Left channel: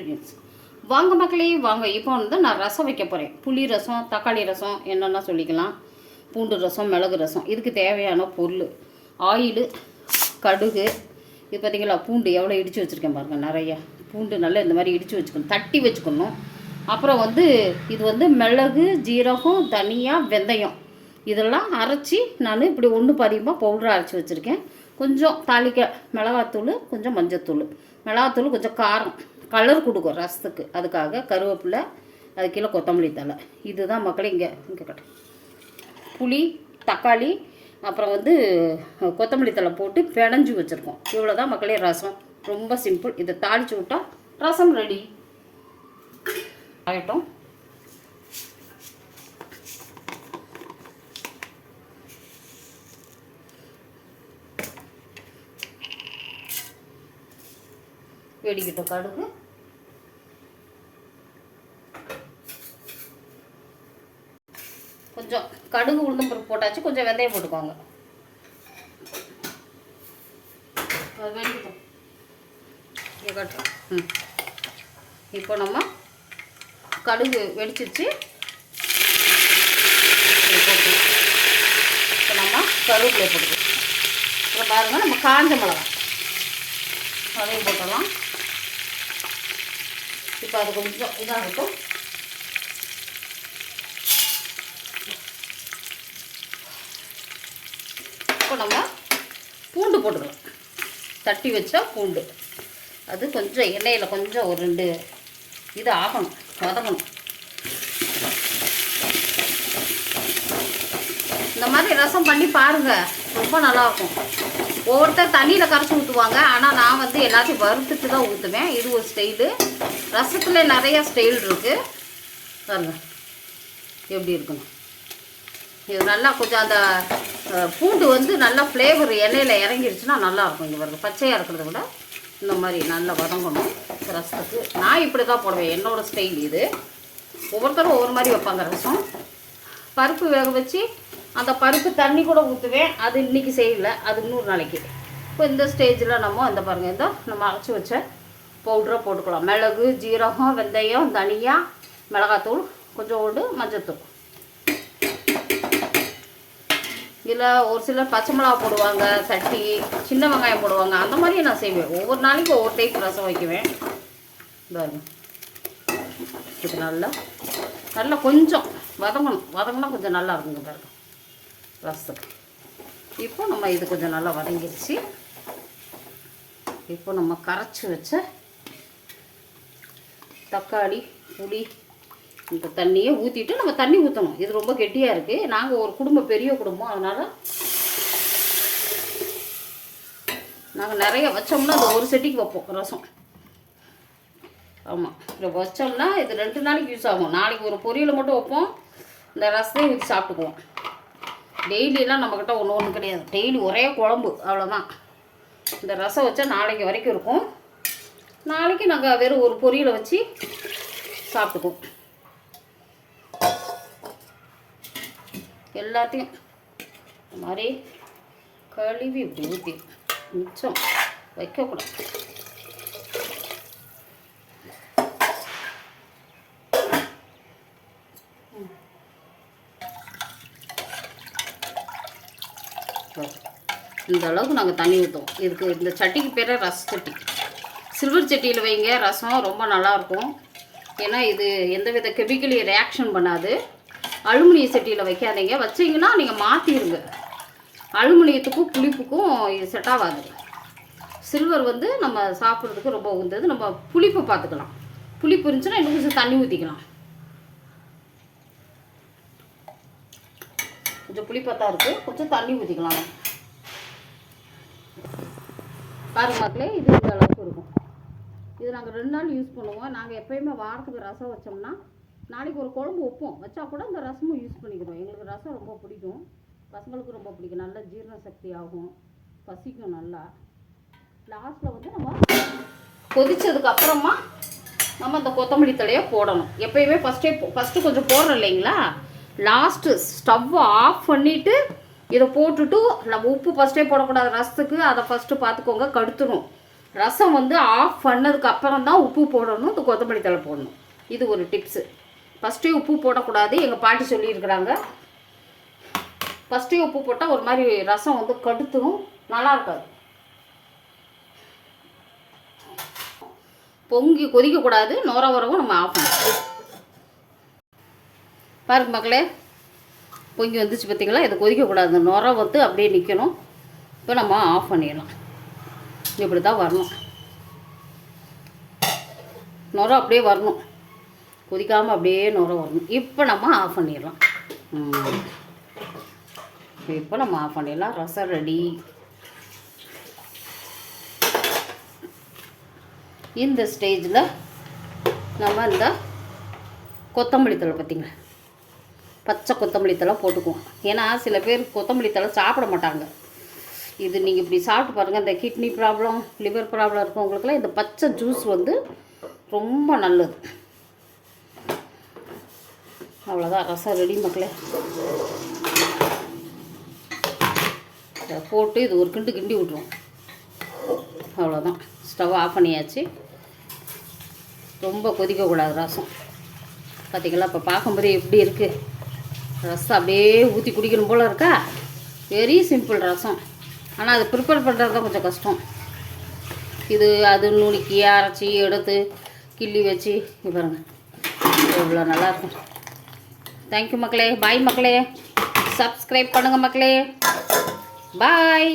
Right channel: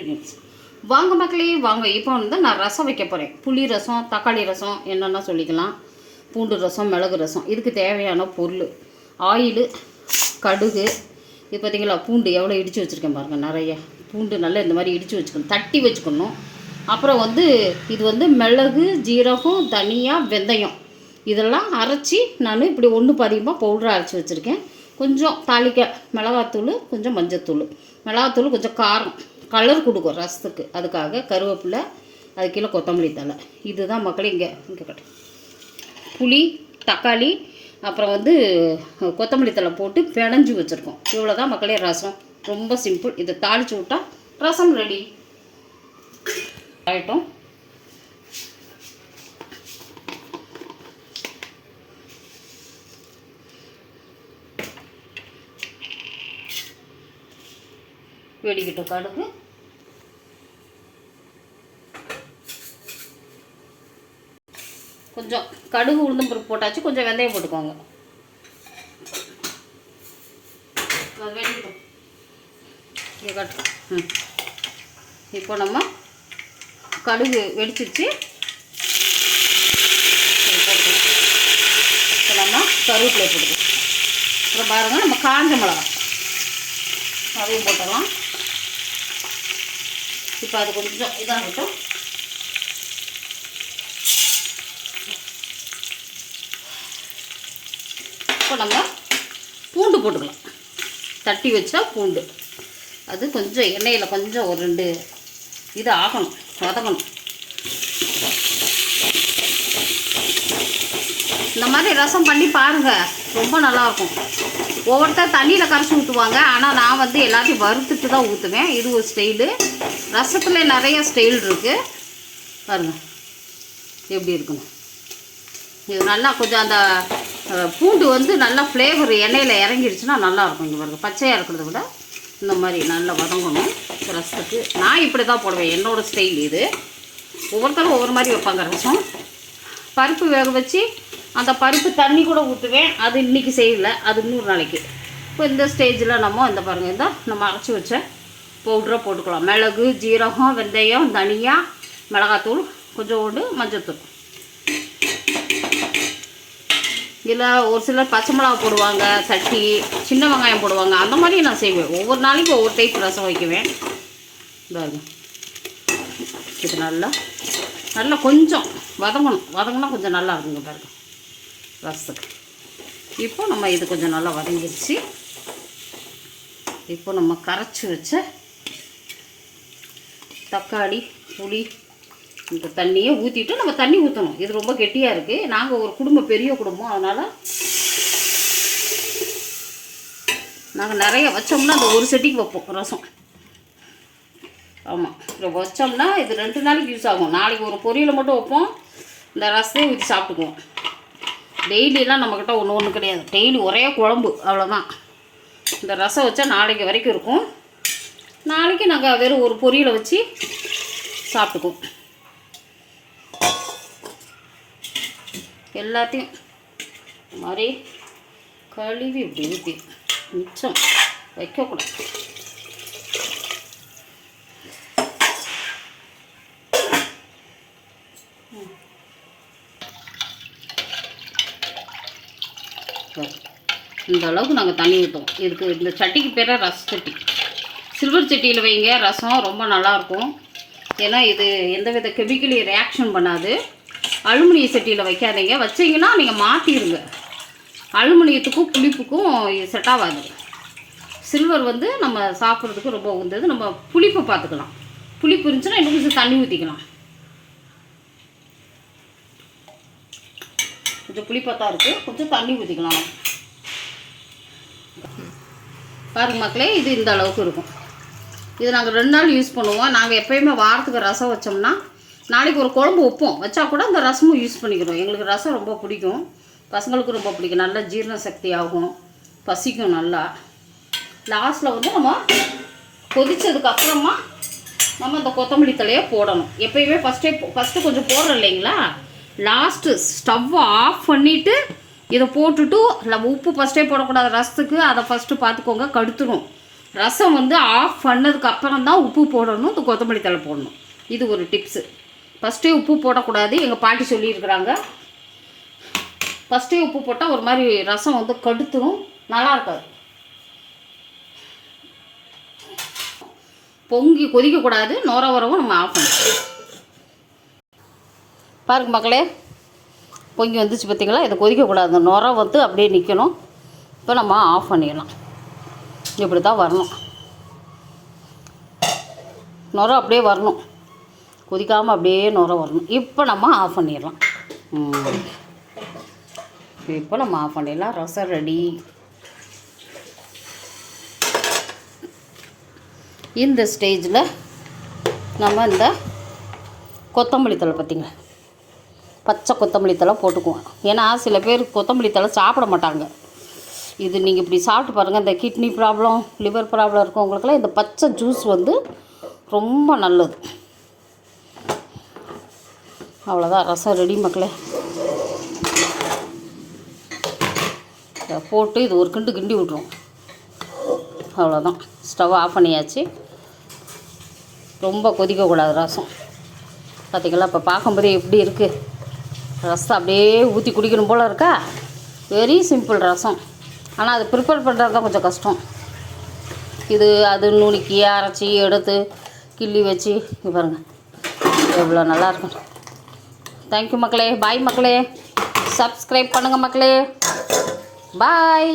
Ingredients. வாங்க மக்களே வாங்க. இப்போ வந்து நான் ரசம் வைக்க போகிறேன். புளி ரசம், தக்காளி ரசம் என்னென்னா சொல்லிக்கலாம். பூண்டு ரசம், மிளகு ரசம். இதுக்கு தேவையான பொருள் ஆயிலு, கடுகு. இது பார்த்திங்களா, பூண்டு எவ்வளோ இடித்து வச்சுருக்கேன் பாருங்கள். நிறைய பூண்டு நல்லா இந்த மாதிரி இடித்து வச்சுக்கணும், தட்டி வச்சுக்கணும். அப்புறம் வந்து இது வந்து மிளகு, ஜீரகம், தனியா, வெந்தயம் இதெல்லாம் அரைச்சி நான் இப்படி ஒன்று பதிகமாக பவுடராக அரைச்சி வச்சுருக்கேன். கொஞ்சம் தாளிக்க மிளகாத்தூள், கொஞ்சம் மஞ்சத்தூள். மிளகாத்தூள் கொஞ்சம் காரம் கலர் கொடுக்கும் ரசத்துக்கு, அதுக்காக கருவேப்பிலை, அது கீழே கொத்தமல்லி தழை. இதுதான் மக்களே. இங்கே கட்டு புளி, தக்காளி, அப்புறம் வந்து கொத்தமல்லி தழை போட்டு பிணைஞ்சி வச்சுருக்கோம். இவ்வளோ தான் மக்களே ரசம். ரொம்ப சிம்பிள். இதை தாளித்து விட்டால் ரசம் ரெடி ஆகிட்டோம். வெடிக்கிட்டோம் கடுகு, கொஞ்சம் கடுகு உளுந்தம் பருப்பு போட்டாச்சு, கொஞ்சம் வெந்தயம் போட்டுக்கோங்க. வெடிக்கிட்டோம். இப்போ நம்ம கடுகு வெடிச்சிருச்சு. இப்போ நம்ம கருவேப்பிலை போட்டுக்கலாம். அப்புறம் பாருங்கள், நம்ம காஞ்ச மிளகா அதையும் போட்டலாம். இப்போ அது கொஞ்சம் இதாகட்டும். இப்போ நம்ம பூண்டு போட்டுக்கலாம். தட்டி வச்சா பூண்டு அது கொஞ்சம் எண்ணெயில் கொஞ்சம் ஒரு 2 இது ஆகணும், வதங்கணும். இந்த மாதிரி ரசம் பண்ணி பாருங்கள், ரொம்ப நல்லாயிருக்கும். ஒவ்வொருத்தர் தண்ணியில் கரைச்சி ஊற்றுவாங்க, ஆனால் நான் வந்து எல்லாத்தையும் வறுத்துட்டு தான் ஊற்றுவேன். இது ஒரு ஸ்டைலு. ரசத்துல நிறைய ஸ்டைல் இருக்குது பாருங்கள் எப்படி இருக்குன்னு. இது நல்லா கொஞ்சம் அந்த பூண்டு வந்து நல்லா ஃப்ளேவர் எண்ணெயில் இறங்கிடுச்சுன்னா நல்லாயிருக்கும். இங்கே பாருங்கள், பச்சையாக இருக்கிறத விட இந்த மாதிரி நல்லா வதங்கணும் ரசத்துக்கு. நான் இப்படி தான் போடுவேன், என்னோடய ஸ்டைல் இது. ஒவ்வொருத்தரும் ஒவ்வொரு மாதிரி வைப்பாங்க ரசம். பருப்பு வேக வச்சு அந்த பருப்பு தண்ணி கூட ஊற்றுவேன். அது இன்றைக்கி செய்யலை, அது இன்னொரு நாளைக்கு. இப்போ இந்த ஸ்டேஜில் நம்ம இந்த பாருங்கள், இந்த நம்ம அரைச்சி வச்ச பவுடரை போட்டுக்கலாம். மிளகு, ஜீரகம், வெந்தயம், தனியா, மிளகாத்தூள், கொஞ்சோண்டு மஞ்சத்தூள். இதில் ஒரு சிலர் பச்சை மிளகா போடுவாங்க, தட்டி சின்ன வெங்காயம் போடுவாங்க. அந்த மாதிரி நான் செய்வேன். ஒவ்வொரு நாளைக்கு ஒவ்வொரு டைப் ரசம் வைக்குவேன். பாருங்க, இது நல்லா கொஞ்சம் வதங்கினா கொஞ்சம் நல்லா இருக்குங்க பாருங்க ரசம். இப்போ நம்ம இது கொஞ்சம் நல்லா வதங்கிடுச்சு. இப்போ நம்ம கரைச்சி வச்ச தக்காளி, புளி, இந்த தண்ணியை ஊற்றிட்டு நம்ம தண்ணி ஊற்றணும். இது ரொம்ப கெட்டியாக இருக்குது. நாங்கள் ஒரு குடும்பம், பெரிய குடும்பம், அதனால் நாங்கள் நிறைய வச்சோம்னா அந்த ஒரு செட்டிக்கு வைப்போம் ரசம். ஆமாம், இப்போ வச்சோம்னா இது 2 நாளைக்கு யூஸ் ஆகும். நாளைக்கு ஒரு பொரியலை மட்டும் வைப்போம், இந்த ரசத்தையே ஊற்றி சாப்பிட்டுக்குவோம். டெய்லியெல்லாம் நம்மக்கிட்ட ஒன்று கிடையாது. டெய்லி ஒரே குழம்பு, அவ்வளோதான். இந்த ரசம் வச்சா நாளைக்கு வரைக்கும் இருக்கும். நாளைக்கு நாங்கள் வெறும் ஒரு பொரியலை வச்சு சாப்பிட்டுக்குவோம். எல்லாத்தையும் மாதிரி கழுவி இப்படி ஊற்றி மிச்சம் வைக்கக்கூடாது. இந்த அளவுக்கு நாங்கள் தண்ணி ஊற்றுவோம். இதுக்கு இந்த சட்டிக்கு பேர் ரச சட்டி. சில்வர் சட்டியில் வைங்க, ரசம் ரொம்ப நல்லாயிருக்கும். ஏன்னா இது எந்தவித கெமிக்கலி ரியாக்ஷன் பண்ணாது. அலுமினிய சட்டியில் வைக்காதீங்க. வச்சிங்கன்னா நீங்கள் மாற்றிடுங்க. அலுமினியத்துக்கும் புளிப்புக்கும் இது செட் ஆகாது. சில்வர் வந்து நம்ம சாப்பிட்றதுக்கு ரொம்ப உந்தது. நம்ம புளிப்பை பார்த்துக்கலாம். புளிப்பு இருந்துச்சுன்னா இன்னும் கொஞ்சம் தண்ணி ஊற்றிக்கலாம். கொஞ்சம் புளிப்பாக தான் இருக்குது, கொஞ்சம் தண்ணி ஊற்றிக்கலாம். பாருங்க மக்களே, இது இந்த அளவுக்கு இருக்கும். இது நாங்கள் 2 நாள் யூஸ் பண்ணுவோம். நாங்கள் எப்போயுமே வாரத்துக்கு ரசம் வச்சோம்னா நாளைக்கு ஒரு குழம்பு வைப்போம். வச்சா கூட அந்த ரசமும் யூஸ் பண்ணிக்கிறோம். எங்களுக்கு ரசம் ரொம்ப பிடிக்கும், பசங்களுக்கும் ரொம்ப பிடிக்கும். நல்லா ஜீரண சக்தி ஆகும், பசிக்கும் நல்லா. லாஸ்ட்டில் வந்து நம்ம கொதித்ததுக்கப்புறமா நம்ம இந்த கொத்தமல்லி தழையை போடணும். எப்போயுமே ஃபஸ்ட்டு கொஞ்சம் போடுறோம் இல்லைங்களா, லாஸ்ட்டு ஸ்டவ்வை ஆஃப் பண்ணிவிட்டு இதை போட்டுட்டு, நம்ம உப்பு ஃபஸ்ட்டே போடக்கூடாது ரசத்துக்கு. அதை ஃபஸ்ட்டு பார்த்துக்கோங்க, கடுத்துடும். ரசம் வந்து ஆஃப் பண்ணதுக்கு அப்புறம் தான் உப்பு போடணும், இந்த கொத்தமல்லி தழை போடணும். இது ஒரு டிப்ஸு. ஃபஸ்ட்டே உப்பு போடக்கூடாது, எங்கள் பாட்டி சொல்லியிருக்கிறாங்க. ஃபஸ்ட்டே உப்பு போட்டால் ஒரு மாதிரி ரசம் வந்து கடுத்துரும், நல்லா இருக்காது. பொங்கி கொதிக்கக்கூடாது, நுர வரவும் நம்ம ஆஃப் பண்ணணும். பாருங்க மக்களே, பொங்கி வந்துச்சு பார்த்தீங்களா? இதை கொதிக்கக்கூடாது, இந்த நுர வந்து அப்படியே நிற்கணும். இப்போ நம்ம ஆஃப் பண்ணிடலாம். இப்படி தான் வரணும், நுர அப்படியே வரணும், கொதிக்காமல் அப்படியே நுர வரணும். இப்போ நம்ம ஆஃப் பண்ணிடலாம். இப்போ நம்ம ஆஃப் பண்ணிடலாம். ரசம் ரெடி. இந்த ஸ்டேஜில் நம்ம இந்த கொத்தமல்லி தழை பார்த்திங்களா, பச்சை கொத்தமல்லி தழை போட்டுக்குவோம். ஏன்னா சில பேர் கொத்தமல்லி தழை சாப்பிட மாட்டாங்க. இது நீங்கள் இப்படி சாப்பிட்டு பாருங்கள், இந்த கிட்னி ப்ராப்ளம், லிவர் ப்ராப்ளம் இருக்கவங்களுக்குலாம் இந்த பச்சை ஜூஸ் வந்து ரொம்ப நல்லது. அவ்வளோதான், ரசம் ரெடி மக்களே. இதை போட்டு இது ஒரு கிண்டு கிண்டி விட்ருவோம். அவ்வளோதான், ஸ்டவ் ஆஃப் பண்ணியாச்சு. ரொம்ப கொதிக்கக்கூடாது ரசம். பார்த்திங்களா? இப்போ பார்க்கும்போதே எப்படி இருக்குது, ரசம் அப்படியே ஊற்றி குடிக்கணும் போல் இருக்கா? வெரி சிம்பிள் ரசம். ஆனால் அது ப்ரிப்பேர் பண்ணுறது தான் கொஞ்சம் கஷ்டம். இது அது நுணுக்கி அரைச்சி எடுத்து கிள்ளி வச்சு பாருங்கள் எவ்வளோ நல்லாயிருக்கும். தேங்க்யூ மக்களே. பாய் மக்களே. சப்ஸ்கிரைப் பண்ணுங்கள் மக்களே. பாய்.